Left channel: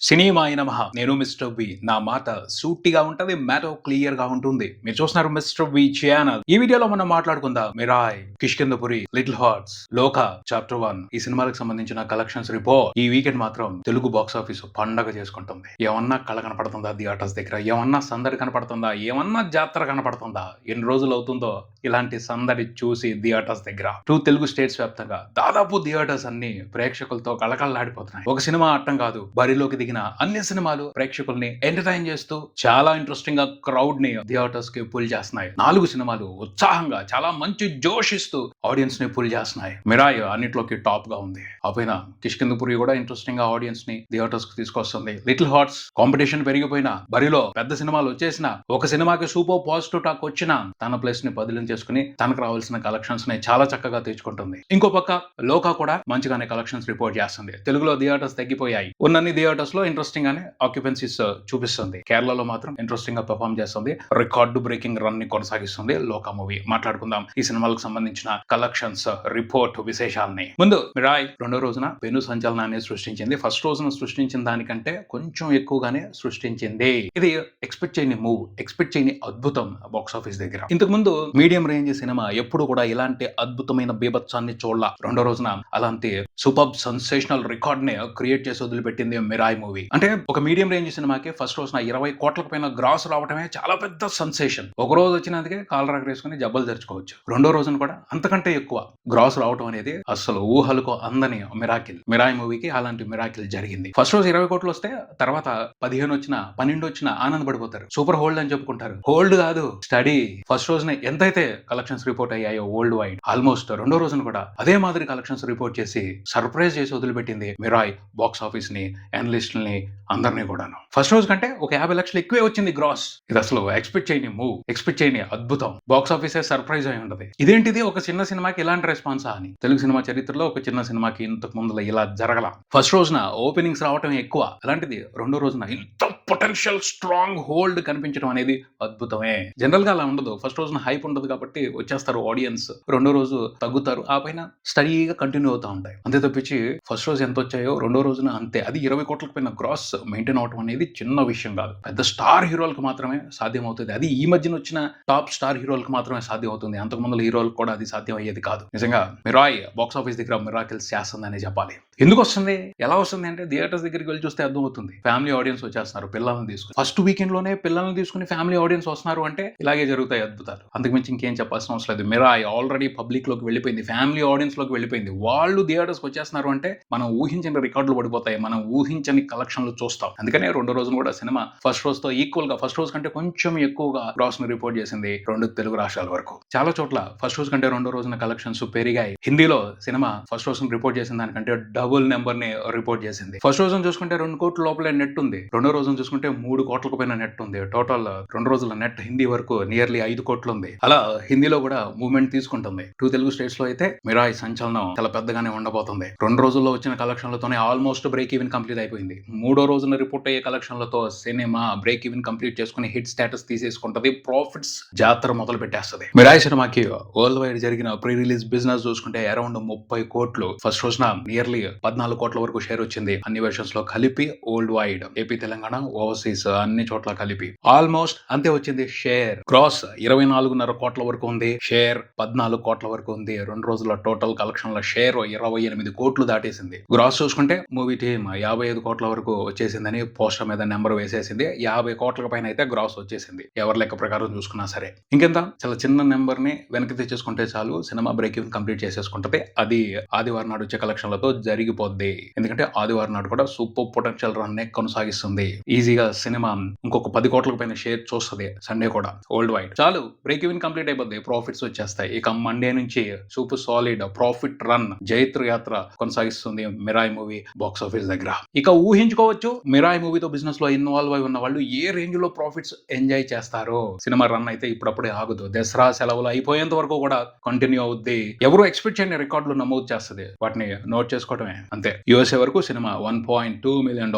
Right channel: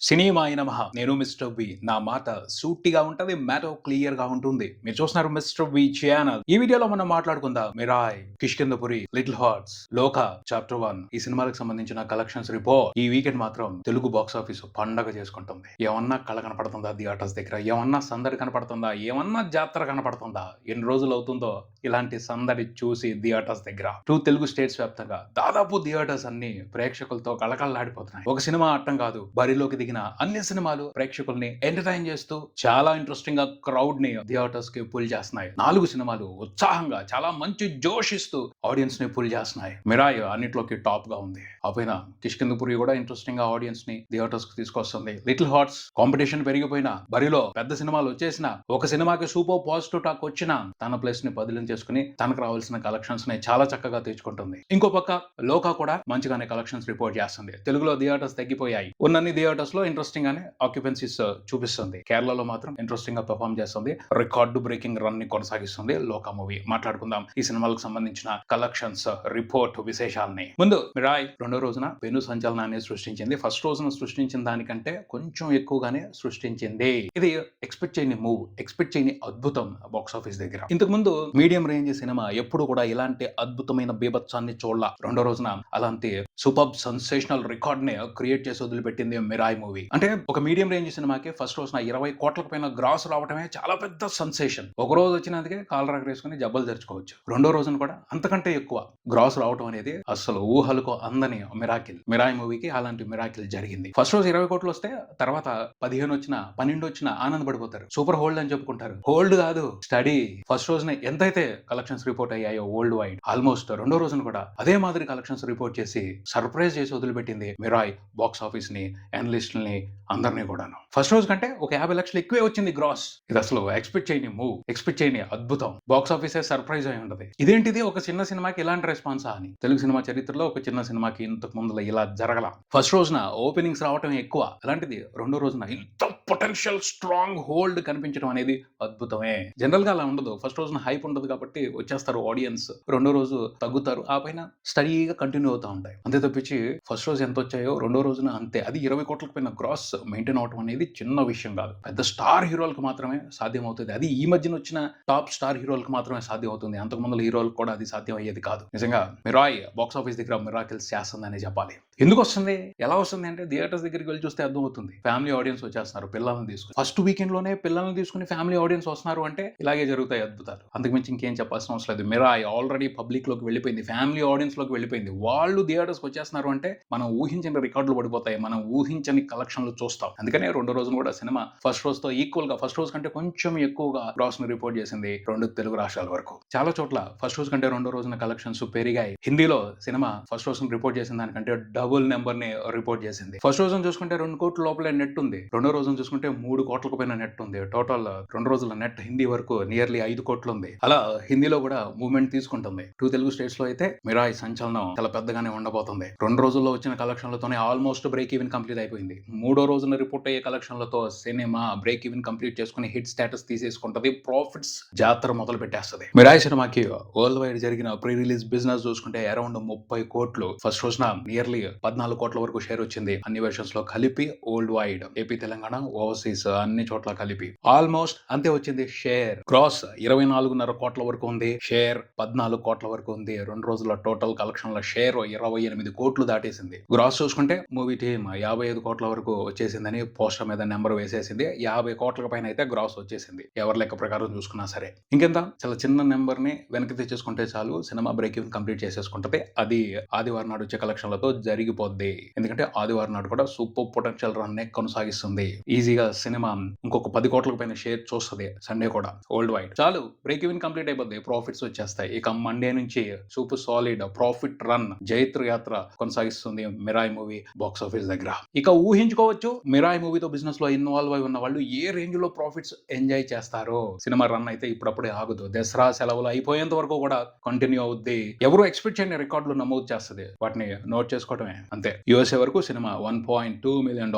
సినిమాయ నమః. నేను మిస్టర్ వి. నా మాట సూటిగా ఉంటది. మ్యాటర్ క్లియర్‌గా ఉంటుంది. మీరు చూస్తున్నారు మిస్టర్ వి ఛానల్. ఈ వీడియోలో మనం మాట్లాడుకుందాం 'మిరాయ్', 'కిష్కింధపురి', 'లిటిల్ హార్ట్స్', 'లోక' చాప్టర్ 1 ఈ సినిమాలకు సంబంధించిన కలెక్షన్స్ రిపోర్ట్. ఈ వీకెండ్ మాత్రం తెలుగు బాక్స్ ఆఫీస్ పండగ చేసుకుంటుంది. ఏమన్నా కళ కనపడుతుందా థియేటర్స్ దగ్గర? ఏమన్నా సందడి కనపడుతుందా? ఏమన్నా జాతర కనపడుతుందా? ఎన్ని రోజులు అవుతుందో ఇలాంటి సందడి చూసి థియేటర్స్ దగ్గర. 2 తెలుగు స్టేట్స్ వ్యాప్తంగా దాదాపు థియేటర్స్ అన్ని ప్రేక్షకులతో కళకళలాడిపోతున్నాయి. ఒక సినిమా ఆడటం కాదు, బరిలోకి దిగిన అన్ని సినిమాలు ప్రేక్షకుల్ని ఎంటర్టైన్ చేస్తూ చాలా ఇంట్రెస్టింగ్ గా క్రౌడ్ ని థియేటర్స్ కి పుల్ చేస్తున్నాయి. 4 సినిమాలు ఉత్సాహంగా చాలా మంచి జోష్ ఇస్తూ ఆడియన్స్ ని పుల్ చేస్తున్నాయి. 'మిరాయ్' అన్నిట్లోకి టాప్ గా ఉంది. అపైన 'కిష్కింధపురి' కూడా ఇంట్రెస్టింగ్ గా ఆడియన్స్ ని థియేటర్స్ కి తీసుకొస్తుంది. 'లిటిల్ హార్ట్స్' కాంపిటీషన్ పెరిగిపోయినా, బరిలో పెద్ద సినిమాలు వచ్చేసినా, ఒక సినిమాకి సూపర్ పాజిటివ్ టాక్ వచ్చినా తన ప్లేస్ ని బదిలీ చేసుకుని తనకు రావాల్సిన కలెక్షన్స్ ని చాలా చక్కగా తెచ్చుకుంటుంది. ఇంకో పక్క 'లోక' కూడా మంచిగానే కలెక్షన్స్ రిపోర్ట్ చేస్తుంది. తెలుగులో థియేటర్స్ తగ్గిపోయాయి. ఉన్నన్ని థియేటర్స్ లో ఇంట్రెస్టింగ్ గానే ఆక్యుపెన్సీస్ చూపిస్తుంది. కేరళలో మాత్రం ఇంట్రెస్టింగ్ గా పెర్ఫార్మ్ చేస్తుంది. రికార్డు బ్రేకింగ్ రన్ ని కొనసాగిస్తుంది 'లోక' మూవీ. మాట్లాడుకుందాం ఈ సినిమాలకు సంబంధించిన కలెక్షన్స్ రిపోర్ట్ విశేషాలని. ముందు 'మిరాయ్' రెండో రోజున పెను సంచలనాన్ని సృష్టించింది. ఫస్ట్ రోజున సృష్టించిన దానికంటే కొంచెం ఎక్కువగానే సృష్టించింది. ఇది ఎక్స్పెక్ట్ చేయని మూవ్, ఎక్స్పెక్ట్ చేయని అద్భుతం బాక్స్ ఆఫీస్ దగ్గర. ఇంతకు ముందు మీడియం రేంజ్ సినిమా ఎప్పుడు కూడా ఇలాంటి అద్భుతమైన బీభత్సాన్ని చూడాల. రెండో రోజున అలాంటి సూపర్ సెన్సేషనల్ రికార్డ్ ని క్రియేట్ చేసి వదిలిపెట్టింది 'మిరాయ్' మూవీ. అంటే ఒక మీడియం రేంజ్ సినిమాకి ఫస్ట్ రోజున 20 కోట్లకు పైన గ్రాస్ రావడమే చాలా పెద్ద సెన్సేషన్. ఒక రోజు వచ్చినందుకే కాలర్ ఎగరేసుకుని జబ్బలు తెరుచుకోవచ్చు. రెండో రోజున కూడా అంతకంటే ఎక్కువ గ్రాస్ రావడం అనేది అసలు ఊహలకు అందని మిరాకిల్. 'మిరాయ్' మూవీకి అలాంటి మిరాకిల్ జరిగింది. ఫస్ట్ రోజు 20 కోట్లు వస్తే తర్వాత 15 వచ్చినా 12 వచ్చినా ఆనందపడిపోతారు. సూపర్ హోల్డ్ అని చెప్పుకుంటారు. హోల్డ్ కాదు, స్టడీ. ఫస్ట్ రోజున ఎంతైతే కలెక్షన్స్ రిపోర్ట్ అయ్యాయో వరల్డ్ వైడ్, ఆల్మోస్ట్ రెండో రోజున కూడా అదే మాదిరి కలెక్షన్స్ రిపోర్ట్ చేసి సర్ప్రైజ్ చేసి వదిలిపెట్టింది 'మిరాయ్' బాక్స్ ఆఫీస్ ని, అనలిస్టుల్ని, అందరినీ కూడాను. ఫస్ట్ రోజు కంటే ఒక 50 లక్షలు ఎక్కువే వచ్చింది గ్రాస్. ఇది అసలు ఎక్స్పెక్ట్ చేయని మూవ్, ఎక్స్పెక్ట్ చేయని అద్భుతం. బాక్స్ ఆఫీసే సర్ప్రైజ్ అయి ఉండదు. ఇదేంటిది ఒక చిన్న సినిమాకి ఇలాంటి రెస్పాన్సా అని. తెలుగు సినిమా చరిత్రలో ఒక చిన్న సినిమాకి ఇంతకు ముందులో ఇలా జరగల. ఫస్ట్ రోజున ఓపెనింగ్స్ రావటం ఎక్కువ, అలాంటిది రెండో రోజున ఇంత పొటెన్షియల్ స్ట్రాంగ్ హోల్డ్ కనిపించడం అనేది అద్భుతమే. జనరల్ గా అలా ఉండదు. ఫస్ట్ రోజున హైప్ ఉండదు కాబట్టి వచ్చేస్తారు ఆడియన్స్, రెండో రోజు తగ్గుతారు, ఆ పైన స్టడీగా కంటిన్యూ అవుతా ఉంటాయి. అంతే తప్పించి ఫస్ట్ రోజు ఎంత వచ్చాయో రెండో రోజున అంతే. అది 20 కోట్లకు పైన గ్రాస్ మెయింటైన్ అవడం అనేది చిన్న విషయం కాదు. పెద్ద స్టార్ హీరోలకు మాత్రమే సాధ్యం అవుతుంది. అది ఈ మధ్యన వచ్చిన టాప్ స్టార్ హీరోలకు మాత్రమే సాధ్యం అవుతుంది. అంతకు ముందు హీరోలకు కూడా అది సాధ్యం అయ్యేది కాదు. నిజంగా 'మిరాయ్' బాక్స్ ఆఫీస్ దగ్గర మిరాకిల్స్ చేస్తుందనే చెప్పాలి. ఎందుకు వస్తుంది, ఎలా వస్తుంది అంటే థియేటర్స్ దగ్గరికి వెళ్ళి చూస్తే అర్థం అవుతుంది. ఫ్యామిలీ ఆడియన్స్ వచ్చేస్తున్నారు పిల్లల్ని తీసుకుని. ఫస్ట్ వీకెండ్ లోనే పిల్లల్ని తీసుకుని ఫ్యామిలీ ఆడియన్స్ వస్తున్నారు అంటే ఇలాగే జరుగుతాయి అద్భుతాలు. అంతకుమించి ఇంకేం చెప్పాల్సిన అవసరం లేదు. 'మిరాయ్' ఆల్రెడీ పబ్లిక్ లోకి వెళ్ళిపోయింది, ఫ్యామిలీ ఆడియన్స్ లోకి వెళ్ళిపోయింది. వాళ్ళు థియేటర్స్ వచ్చేస్తున్నారు అంటే మనం ఊహించిన రికార్డులు పడిపోతాయి, మనం ఊహించని కలెక్షన్లు చూస్తాం. అందుకనే రెండో రోజున కూడా సినిమా ఫస్ట్ రోజు తో ఈక్వల్ గా, ఫస్ట్ రోజు కంటే కొంచెం ఎక్కువగా గ్రాస్ ని రిపోర్ట్ చేసింది 2 తెలుగు రాష్ట్రాల వరకు. చాలా చోట్ల ఫస్ట్ రోజు కంటే రెండో రోజున కలెక్షన్స్ పెరిగాయి. హిందీలో సినిమా ఫస్ట్ రోజున రిపోర్ట్ చేసిన దానికంటే డబుల్ నెంబర్ ని రిపోర్ట్ చేసింది. ఫస్ట్ రోజున చూసుకుంటే 2 కోట్ల లోపలే నెట్ ఉంది. రెండో రోజున చూసుకుంటే 3 కోట్లకు పైన నెట్ ఉంది. టోటల్ 2 రోజుల నెట్ హిందీ వరకు నియర్లీ 5 కోట్లు ఉంది. అలా హిందీలో కూడా మూవ్మెంట్ తీసుకుంటుంది. 2 తెలుగు స్టేట్స్ లో అయితే 'మిరాయ్' సంచలనం చాలా పెద్దగానే ఉండబోతుంది. 2 రోజుల్లో వచ్చిన కలెక్షన్లతోనే ఆల్మోస్ట్ బ్రేక్ ఈవెన్ కంప్లీట్ అయిపోయింది. 3వ రోజున రిపోర్ట్ అయ్యే కలెక్షన్లతో సినిమా బ్రేక్ ఈవెన్ కంప్లీట్ చేసుకుని హిట్ స్టేటస్ తీసేసుకుంటది. ప్రాఫిట్స్ జాతర మొదలు పెట్టేస్తుంది. 'మిరాయ్' సినిమాకి వరల్డ్ వైడ్ జరిగిన ప్రీ రిలీజ్ బిజినెస్ చూసుకుంటే అరౌండ్ 30 కోట్లు. ఫస్ట్ రోజున నియర్లీ 14 కోట్ల వరకు షేర్ వచ్చింది. అన్ని వెర్షన్స్ లో కలిపి world wide, AP, Telangana, overseas అన్ని చోట్ల కలిపి ఆల్మోస్ట్ అంతే వచ్చింది షేర్. గ్రాస్ 24.5 కోట్ల వరకు ఉంది. షేర్ 14 కోట్ల వరకు ఉంది. 2 రోజుల టోటల్ కలెక్షన్ల షేర్ 28 కోట్లు దాటేసింది. గ్రాస్ చూసుకుంటే మూవీ టీమ్ 55 కోట్ల వరకు వచ్చేసిందని పోస్టర్ మీద నెంబర్ వేసేసింది. 50 కోట్ల పైన అయితే గ్రాస్ వచ్చేసింది ఎవరి లెక్క ప్రకారం చూసుకున్నా సరే. ఇంకెంత చాలా చిన్న నెంబర్ ని వెనక్కి తెచ్చేసుకుంటే చాలు సినిమా బ్రేక్ ఈవెన్ కంప్లీట్ చేసేసుకుంటది. అది ఆదివారం నాడు వచ్చే కలెక్షన్లతో జరిగిపోద్ది. ఎందుకంటే ఆదివారం నాడు కూడా సూపర్ పొటెన్షియల్ రన్ నే కొనసాగిస్తుంది. ఈజీగా సినిమా ఇంకొక 10 కోట్లకు పైన షేర్ చూస్తుంది సండే కూడా వరల్డ్ వైడ్. చాలు బ్రేక్ ఈవెన్ కంప్లీట్ అయిపోద్ది, ప్రాఫిట్స్ వచ్చేస్తాయి. ఇక మండే నుంచి సూపర్ సాలిడ్ ప్రాఫిట్ రన్ జైత్ర యాత్ర కొనసాగిస్తుంది 'మిరాయ్' మూవీ బాక్స్ ఆఫీస్ దగ్గర. ఇక ఊహించుకోవచ్చు 'మిరాయ్' మూవీతో బిజినెస్ లో ఇన్వాల్వ్ అయి ఉన్న వాళ్ళు ఏ రేంజ్ లో ప్రాఫిట్స్ ఎంజాయ్ చేస్తారో. సినిమా రన్ అయితే ఇప్పుడప్పుడే ఆగదు. దసరా సెలవులు అయిపోయేంత వరకు కూడా కంటిన్యూ అవుద్ది. ఎవరు ఎక్స్పెక్ట్ చేయని రికార్డులు నమోదు చేస్తుంది. వాటిని నోట్ చేసుకోవడమే అంతే. యూఎస్ఏ వరకు సినిమా $1.2 మిలియన్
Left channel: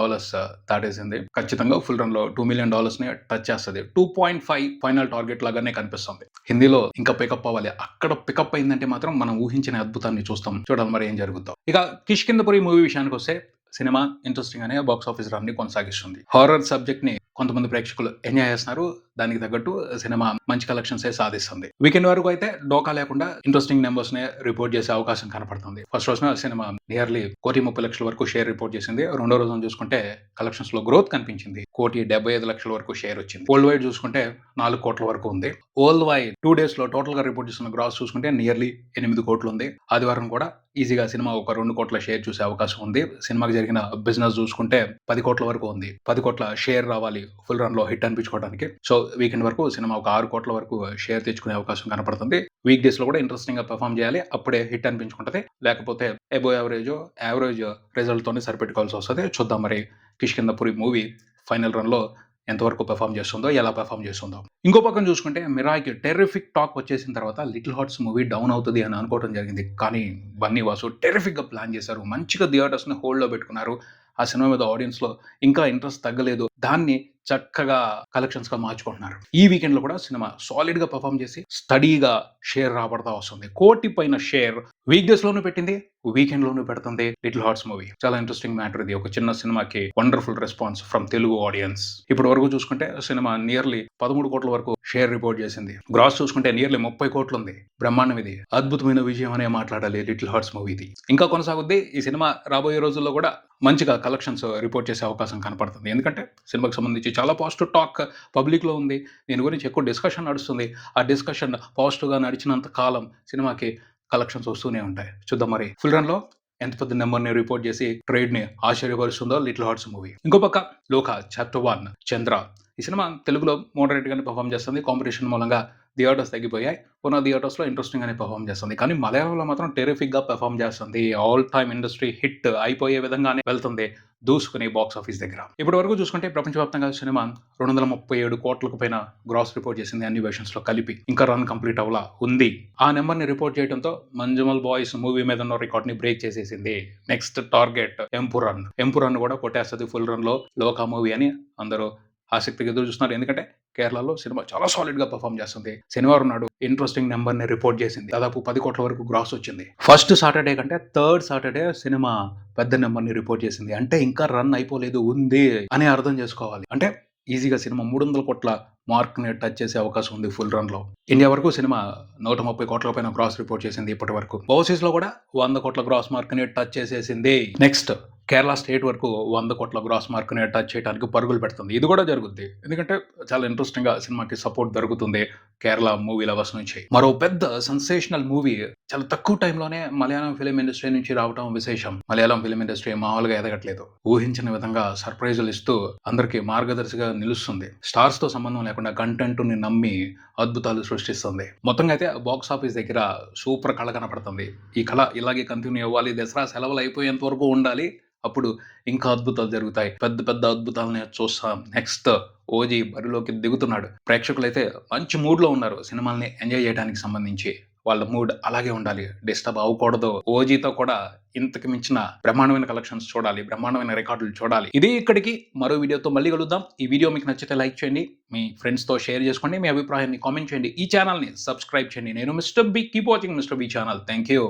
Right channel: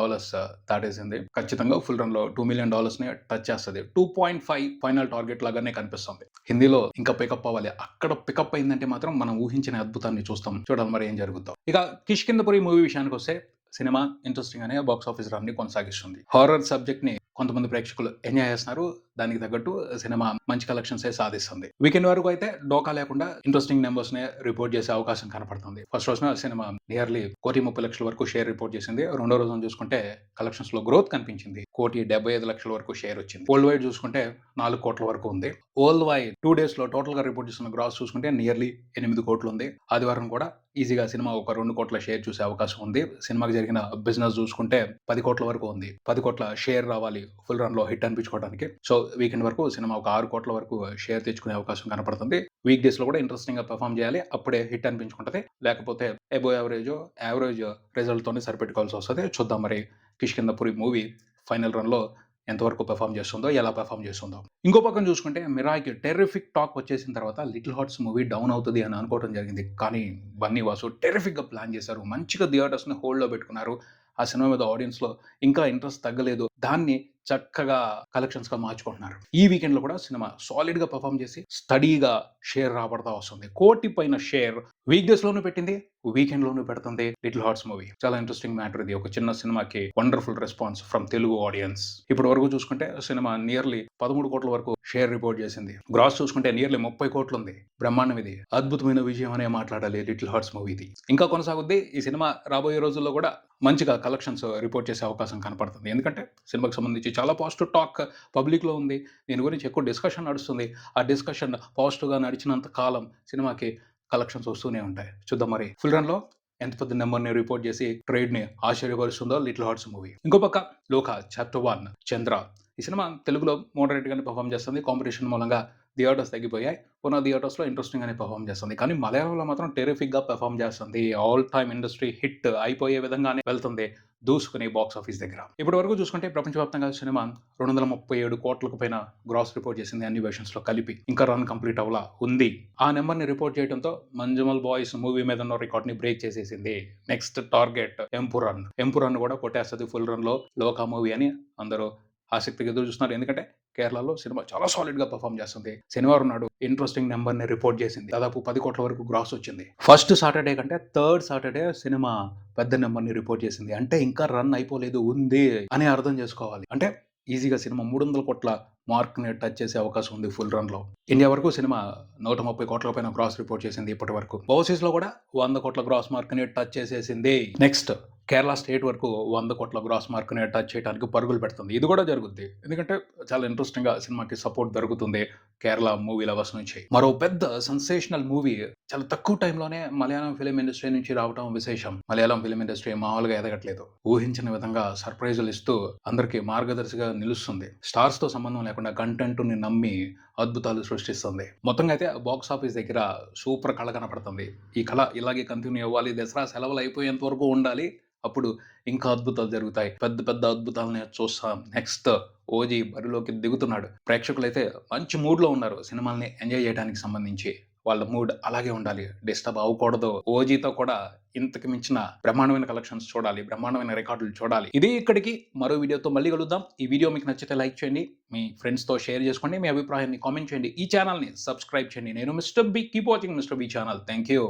దాటేసింది. ఖచ్చితంగా ఫుల్ రన్ లో $2 మిలియన్ ని టచ్ చేస్తుంది. 2.5 ఫైనల్ టార్గెట్ లాగానే కనిపిస్తుంది. హిందీలో ఇంకా పికప్ అవ్వాలి. అక్కడ పికప్ అయిందంటే మాత్రం మనం ఊహించిన అద్భుతాన్ని చూస్తాం. చూడాలి మరి ఏం జరుగుతుందో. ఇక 'కిష్కింధపురి' మూవీ విషయానికి వస్తే సినిమా ఇంట్రెస్టింగ్ అనే బాక్స్ ఆఫీస్ రన్ ని కొనసాగిస్తుంది. హారర్ సబ్జెక్ట్ ని కొంతమంది ప్రేక్షకులు ఎంజాయ్ చేస్తున్నారు. దానికి తగ్గట్టు సినిమా మంచి కలెక్షన్స్ సాధిస్తుంది. వీకెండ్ వరకు అయితే డోకా లేకుండా ఇంట్రెస్టింగ్ నెంబర్స్ నే రిపోర్ట్ చేసే అవకాశం కనపడుతుంది. ఫస్ట్ రోజున సినిమా నియర్లీ 1,30,00,000 వరకు షేర్ రిపోర్ట్ చేసింది. రెండో రోజున చూసుకుంటే కలెక్షన్స్ లో గ్రోత్ కనిపించింది. 1,75,00,000 వరకు షేర్ వచ్చింది. వరల్డ్ వైడ్ చూసుకుంటే 4 కోట్ల వరకు ఉంది. వరల్డ్ వైడ్ 2 డేస్ లో టోటల్ గా రిపోర్ట్ చేసిన గ్రాస్ చూసుకుంటే నియర్లీ 8 కోట్లు ఉంది. ఆదివారం కూడా ఈజీగా సినిమా ఒక 2 కోట్ల షేర్ చూసే అవకాశం ఉంది. సినిమాకి జరిగిన బిజినెస్ చూసుకుంటే 10 కోట్ల వరకు ఉంది. 10 కోట్ల షేర్ రావాలి ఫుల్ రన్ లో హిట్ అనిపించుకోవడానికి. సో వీకెండ్ వరకు సినిమా ఒక 6 కోట్ల వరకు షేర్ తెచ్చుకునే అవకాశం కనపడుతుంది. వీక్ డేస్ లో కూడా ఇంట్రెస్టింగ్ గా పెర్ఫామ్ చేయాలి. అప్పుడే హిట్ అనిపించుకుంటది. లేకపోతే ఎబో యావరేజ్ రిజల్ట్ తోనే సరిపెట్టుకోవాల్సి వస్తుంది. చూద్దాం మరి కిష్కింధపురి మూవీ ఫైనల్ రన్ లో ఎంతవరకు పెర్ఫామ్ చేస్తుందో, ఎలా పెర్ఫామ్ చేస్తుందో. ఇంకో పక్కన చూసుకుంటే మిరాయికి టెర్రిఫిక్ టాక్ వచ్చేసిన తర్వాత లిటిల్ హార్ట్స్ మూవీ డౌన్ అవుతుంది అని అనుకోవడం జరిగింది. కానీ బన్నీ వాసు టెర్రిఫిక్ గా ప్లాన్ చేశారు. మంచిగా థియేటర్స్ ని హోల్డ్ లో పెట్టుకున్నారు. ఆ సినిమా మీద ఆడియన్స్ లో ఇంకా ఇంట్రెస్ట్ తగ్గలేదు. దాన్ని చక్కగా కలెక్షన్స్ గా మార్చుకుంటున్నారు. ఈ వీకెండ్ లో కూడా సినిమా సాలిడ్ గా పర్ఫామ్ చేసి స్టడీగా షేర్ రాబడతా వస్తుంది. 1 కోటి పైన షేర్ వీక్ డేస్ లోనూ పెట్టింది, వీకెండ్ లోనూ పెడుతుంది లిటిల్ హార్ట్స్ మూవీ. చాలా ఇంట్రెస్టింగ్ మ్యాటర్ ఇది. ఒక చిన్న సినిమాకి wonderful response from Telugu audience. ఇప్పుడు వరకు చూసుకుంటే సినిమా నియర్లీ 13 కోట్ల వరకు షేర్ రిపోర్ట్ చేసింది. గ్రాస్ చూసుకుంటే నియర్లీ 30 కోట్లు ఉంది. బ్రహ్మాండం ఇది. అద్భుతమైన విజయం అనే మాట్లాడాలి లిటిల్ హార్ట్స్ మూవీది. ఇంకా కొనసాగుద్ది. ఈ సినిమా రాబోయే రోజుల్లో కూడా మంచిగా కలెక్షన్స్ రిపోర్ట్ చేసే అవకాశం కనపడుతుంది. ఎందుకంటే సినిమాకి సంబంధించి చాలా పాజిటివ్ టాక్ పబ్లిక్ లో ఉంది. దీని గురించి ఎక్కువ డిస్కషన్ నడుస్తుంది. ఆ డిస్కషన్ పాజిటివ్ గా నడిచినంత కాలం సినిమాకి కలెక్షన్స్ వస్తూనే ఉంటాయి. చూద్దాం మరి ఫుల్ రన్ లో ఎంత పెద్ద నెంబర్ ని రిపోర్ట్ చేసి ట్రేడ్ ని ఆశ్చర్యపరుస్తుందో లిటిల్ హార్ట్స్ మూవీ. ఇంకో పక్క లోక చాప్టర్ 1 చంద్ర. ఈ సినిమా తెలుగులో మోడరేట్ గానే పర్ఫామ్ చేస్తుంది. కాంపిటీషన్ మూలంగా థియేటర్స్ తగ్గిపోయాయి. ఉన్న థియేటర్స్ లో ఇంట్రెస్టింగ్ గానే పర్ఫామ్ చేస్తుంది. కానీ మలయాళంలో మాత్రం టెరిఫిక్ గా పర్ఫామ్ చేస్తుంది. ఆల్ టైమ్ ఇండస్ట్రీ హిట్ అయిపోయే విధంగానే వెళ్తుంది దూసుకుని బాక్స్ ఆఫీస్ దగ్గర. ఇప్పటి వరకు చూసుకుంటే ప్రపంచవ్యాప్తంగా సినిమా 237 కోట్లకు పైన గ్రాస్ రిపోర్ట్ చేసింది అన్ని వెర్షన్స్ లో కలిపి. ఇంకా రన్ కంప్లీట్ అవ్వలా ఉంది. ఆ నెంబర్ ని రిపోర్ట్ చేయడంతో మంజుమల్ బాయ్స్ మూవీ మీద ఉన్న రికార్డ్ ని బ్రేక్ చేసేసింది. నెక్స్ట్ టార్గెట్ ఎంపురన్ కూడా కొట్టేస్తుంది ఫుల్ రన్ లో లోకా మూవీ అని అందరూ ఆసక్తిగా ఎదురు చూస్తున్నారు. ఎందుకంటే కేరళలో సినిమా చాలా సాలిడ్ గా పర్ఫామ్ చేస్తుంది. శనివారం నాడు ఇంట్రెస్టింగ్ నెంబర్ ని రిపోర్ట్ చేసింది. దాదాపు 10 కోట్ల వరకు గ్రాస్ వచ్చింది. ఫస్ట్ సాటర్డే కంటే థర్డ్ సాటర్డే సినిమా పెద్ద నెంబర్ ని రిపోర్ట్ చేసింది. అంటే ఇంకా రన్ అయిపోలేదు, ఉంది అని అర్థం చేసుకోవాలి. అంటే ఈజీగా సినిమా 300 కోట్ల మార్క్ ని టచ్ చేసే అవకాశం ఉంది ఫుల్ రన్ లో. ఇండియా వరకు సినిమా 130 కోట్ల పైన గ్రాస్ రిపోర్ట్ చేసింది ఇప్పటి వరకు. ఓవర్సీస్ లో కూడా 100 కోట్ల గ్రాస్ మార్క్ ని టచ్ చేసేసింది. నెక్స్ట్ కేరళ స్టేట్ వరకు 100 కోట్ల గ్రాస్ మార్క్ ని టచ్ చేయడానికి పరుగులు పెడుతుంది. ఇది కూడా జరుగుద్ది. ఎందుకంటే చాలా ఇంట్రెస్టింగ్ గా సినిమాకి సపోర్ట్ దొరుకుతుంది కేరళ మూవీ లవర్స్ నుంచి. మరో పెద్ద సెన్సేషనల్ మూవీ చాలా తక్కువ టైంలోనే మలయాళం ఫిలిం ఇండస్ట్రీ నుంచి రావడం విశేషం. మలయాళం ఫిలిం ఇండస్ట్రీ మామూలుగా ఎదగట్లేదు. ఊహించిన విధంగా సర్ప్రైజులు ఇస్తూ అందరికి మార్గదర్శిగా నిలుస్తుంది. స్టార్స్ తో సంబంధం లేకుండా కంటెంట్ ని నమ్మి అద్భుతాలు సృష్టిస్తుంది. మొత్తంగా అయితే బాక్స్ ఆఫీస్ దగ్గర సూపర్ కళ కనపడుతుంది. ఈ కళ ఇలాగే కంటిన్యూ అవ్వాలి. దసరా సెలవులు అయిపోయేంత వరకు ఉండాలి. అప్పుడు ఇంకా అద్భుతాలు జరుగుతాయి. పెద్ద పెద్ద అద్భుతాలని చూస్తాం. నెక్స్ట్ ఓజీ బరిలోకి దిగుతున్నాడు. ప్రేక్షకులైతే మంచి మూడ్ లో ఉన్నారు. సినిమాల్ని ఎంజాయ్ చేయడానికి సంబంధించి వాళ్ళ మూడ్ అలాగే ఉండాలి. డిస్టర్బ్ అవ్వకూడదు. ఓజీతో కూడా ఇంతకు మించిన బ్రహ్మాండమైన కలెక్షన్స్ చూడాలి. బ్రహ్మాండమైన రికార్డులు చూడాలి. ఇది ఇక్కడికి. మరో వీడియోతో మళ్ళీ కలుద్దాం. ఈ వీడియో మీకు నచ్చితే లైక్ చేయండి. మీ ఫ్రెండ్స్ తో షేర్ చేసుకోండి. మీ అభిప్రాయాన్ని కామెంట్ చేయండి. ఈ ఛానల్ ని సబ్స్క్రైబ్ చేయండి. నేను mister B. Keep watching mister B channel. Thank you.